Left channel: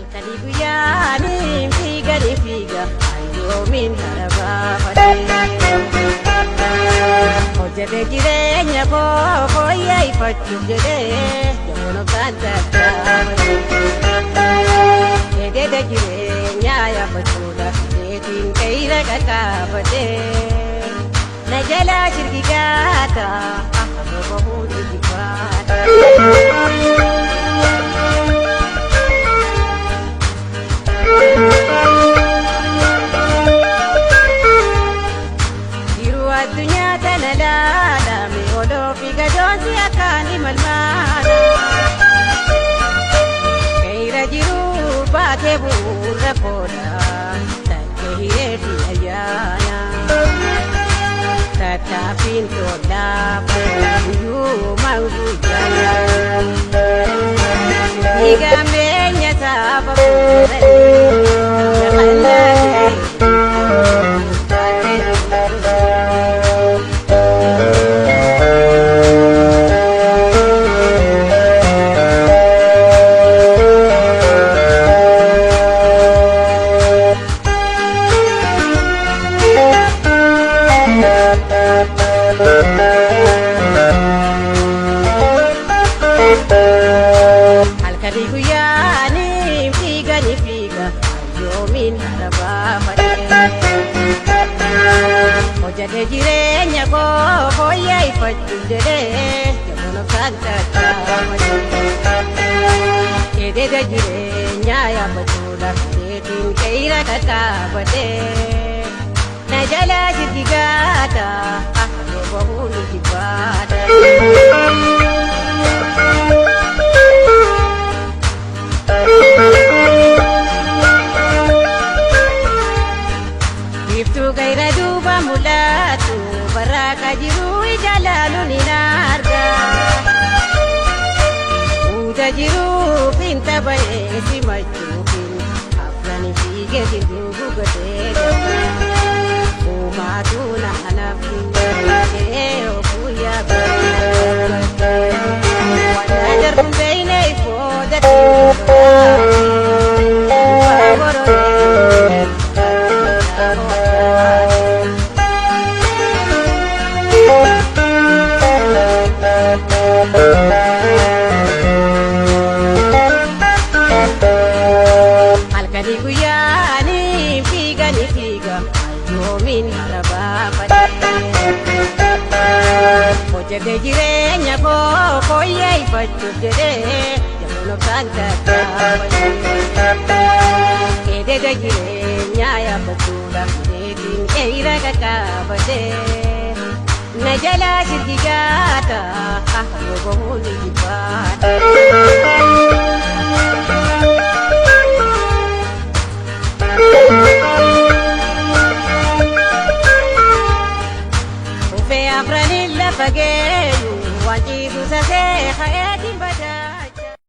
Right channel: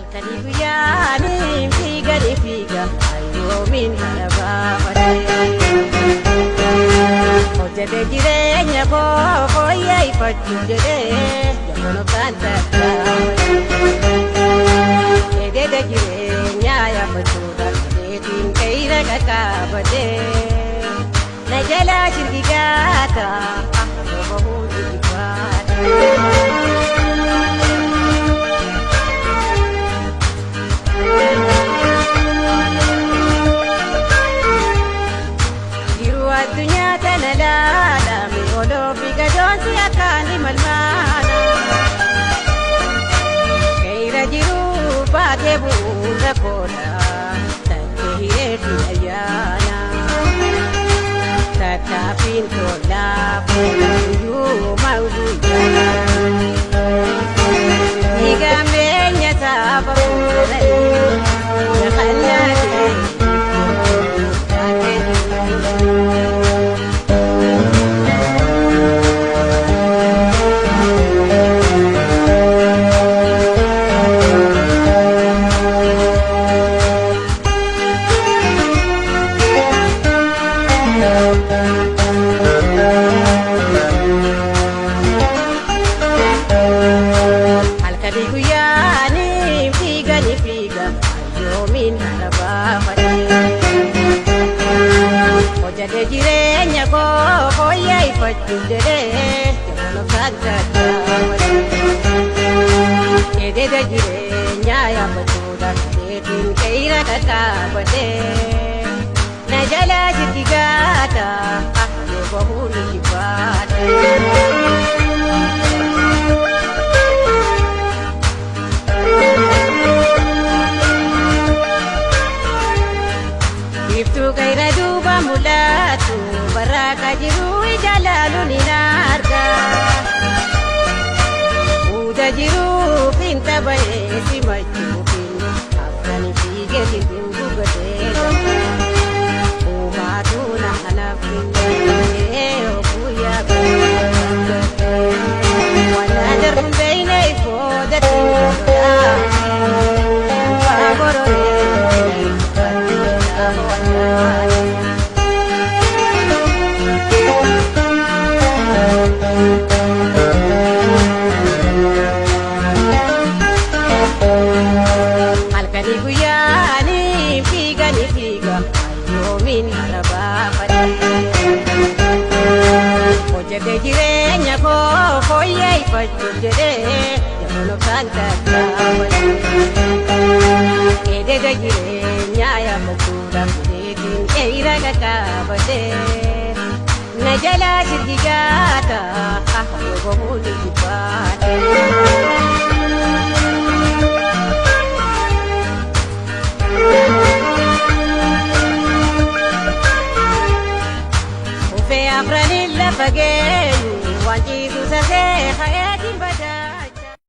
Alkalibuyaani fiiga ayyoomin harabaafate. Hojjete jireenya koo fooyyeffachuu jedhee jamono kan tattaafate. Keededa jireenyaa yaabbachuudhaaf keetiin qe'ira qaqqaabate. Na jalaa shirgigaata akka bahuu jigifaata. Addunyaa tana laalame oloofi gadoonsi akkaan imalmaana. Keeyra jiru baatee bu'uura kooda tattee hireefi ayyaana. Tattaaffiin tolaafu guyyuuma guyyaadhaan. Dhiigambeenya saba fuudhanii jahannaa Alkalibuyaani fiiga ayyoomin harabaafate. Hojjete jireenya koo fooyyeffachuu jedhee jamono kan tattaafate. Keededa jireenyaa yaabbachuudhaaf keetiin qe'ira qaqqaabate. Na jalaa shirgigaata akka bahuu jigifaata. Iftuu gaira duuba mul'atu barraaqaa jiru ijaalaalu ni arga. Uuda jiruufin taphee simachuufin afrani fiigeetiin dungugatee gaba. Uumaatu na hanaafin guyyaa gabate. Wanna darbuun beeyne ifoodatiin faagororee. Alkalibuyaani fiiga ayyoomin harabaafate. Hojjete jireenya koo fooyyeffachuuf jedhee jamono kan tattaafate. Keededa jireenyaa yaabbachuudhaaf keetiin qe'ira qaqqaabate. Na jalaa shirgigaata akka bahuu jigifaata. Ufee afraniin lafa geenyu waan ciisu sasee hayatiin